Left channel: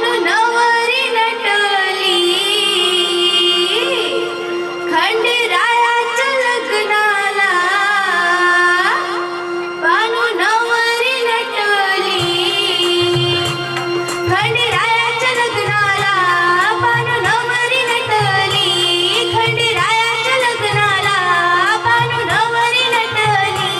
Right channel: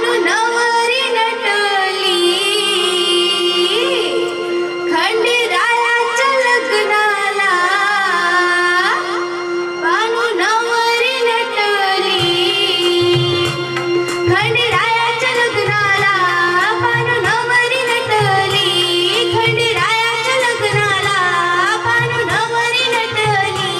पानु नवरी नटली खंडेरायाच्या लग्नाला पानु नवरी नटली खंडेरायाच्या लग्नाला पानु नवरी नटली खंडेरायाच्या लग्नाला पानु नवरी नटली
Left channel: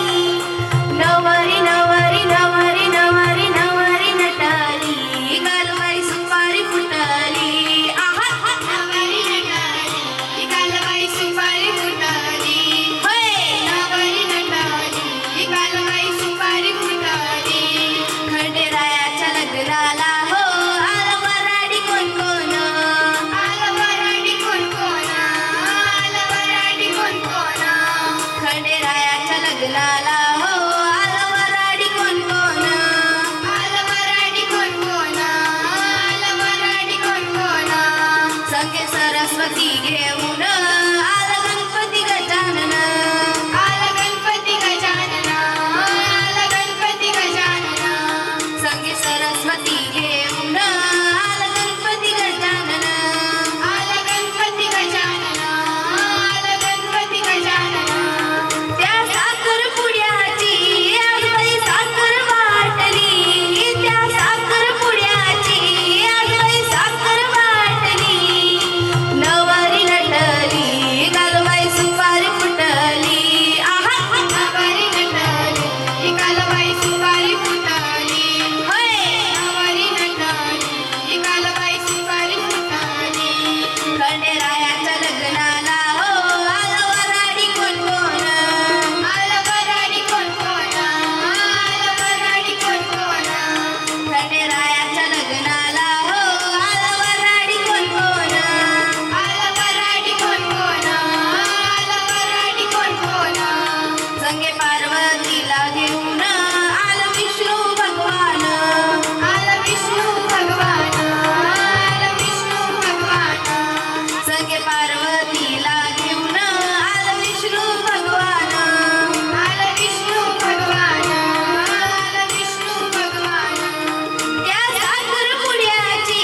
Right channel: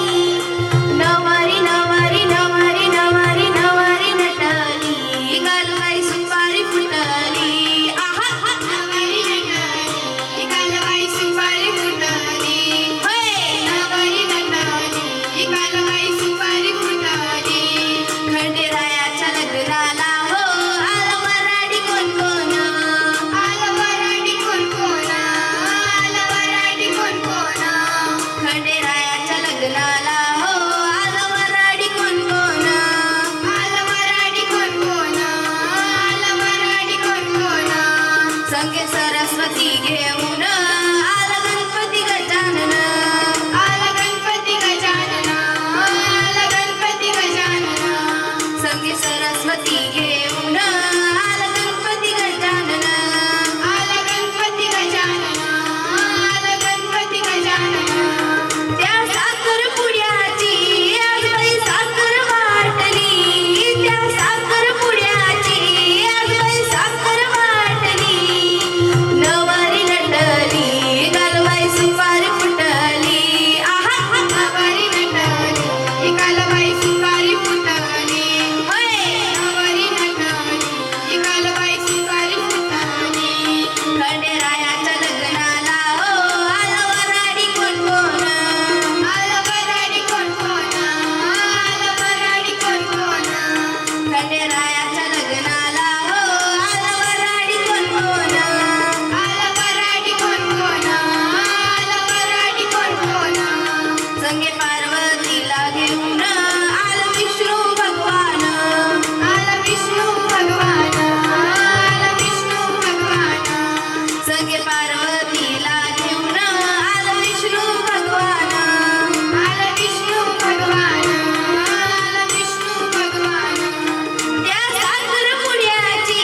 नवरी नवरी नवरी नवरी नवरी नटली गालबाई सुपारी फुटली आहा नवरी नटली गालबाई सुपारी फुटली होय नवरी नटली गालबाई सुपारी फुटली खंडेरायाच्या लग्नाला हो आला वराडी कोण कोण आला वराडी कोण कोण आला वराडी कोण कोण खंडेरायाच्या लग्नाला हो आला वराडी कोण कोण आला वराडी कोण कोण आला वराडी कोण कोण संगे सरस्वती घेऊन आला गणपती गजानन आला गणपती गजानन आला गणपती गजानन संगे सरस्वती घेऊन आला गणपती गजानन आला गणपती गजानन आला गणपती गजानन त्या साखरपुड्याची आज बाई साखर वाटली त्या साखरपुड्याची आज बाई साखर वाटली नवरी नटली गालबाई सुपारी फुटली आहा नवरी नटली गालबाई सुपारी फुटली होय नवरी नटली गालबाई सुपारी फुटली खंडेरायाच्या लग्नाला हो आला वराडी कोण कोण आला वराडी कोण कोण आला वराडी कोण कोण खंडेरायाच्या लग्नाला हो आला वराडी कोण कोण आला वराडी कोण कोण आला वराडी कोण कोण संगे पार्वतीला घेऊन आला विष्णू भगवान आला विष्णू भगवान आला विष्णू भगवान संगे पार्वतीला घेऊन आला विष्णू भगवान आला विष्णू भगवान आला विष्णू भगवान त्या साखरपुड्याची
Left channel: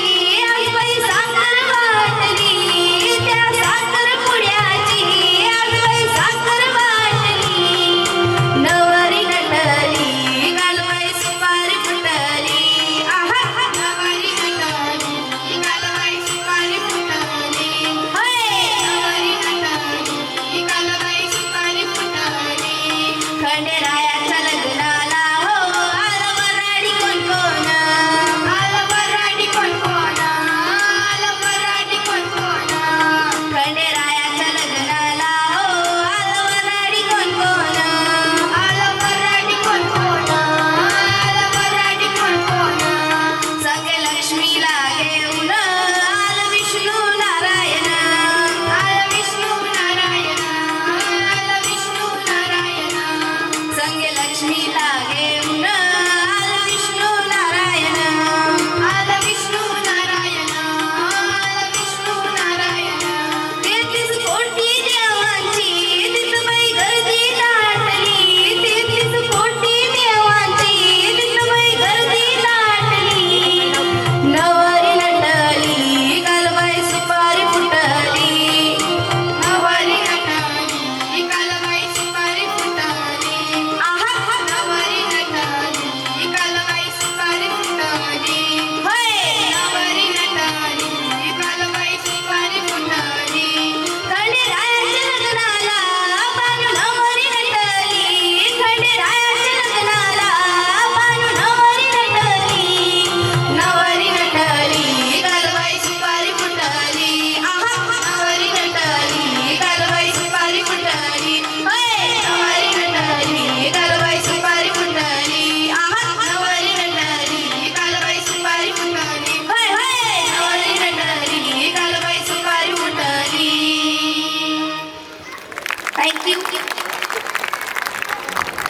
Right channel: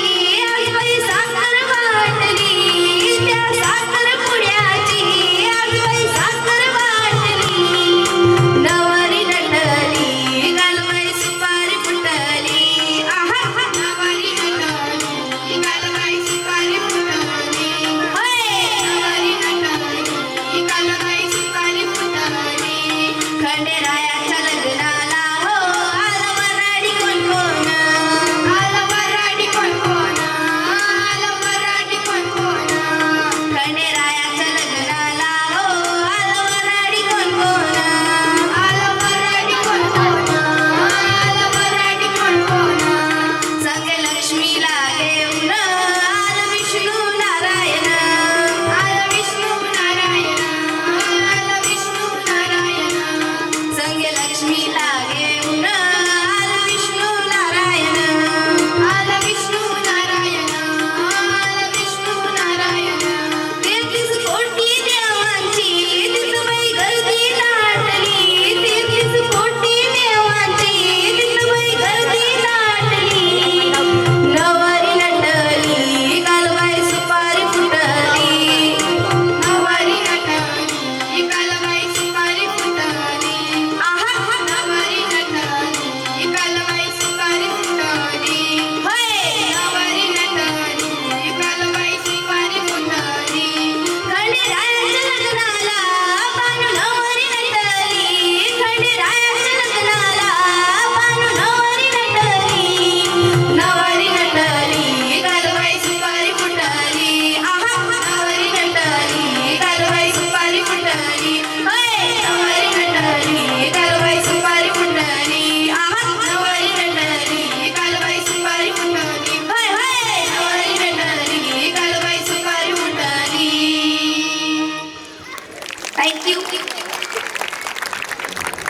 आज बाई साखर वाटली त्या साखरपुड्याची आज बाई साखर वाटली नवरी नटली गालबाई सुपारी फुटली आहा नवरी नटली गालबाई सुपारी फुटली होय नवरी नटली गालबाई सुपारी फुटली खंडेरायाच्या लग्नाला हो आला वराडी कोण कोण आला वराडी कोण कोण आला वराडी कोण कोण खंडेरायाच्या लग्नाला हो आला वराडी कोण कोण आला वराडी कोण कोण आला वराडी कोण कोण संगे लक्ष्मीला घेऊन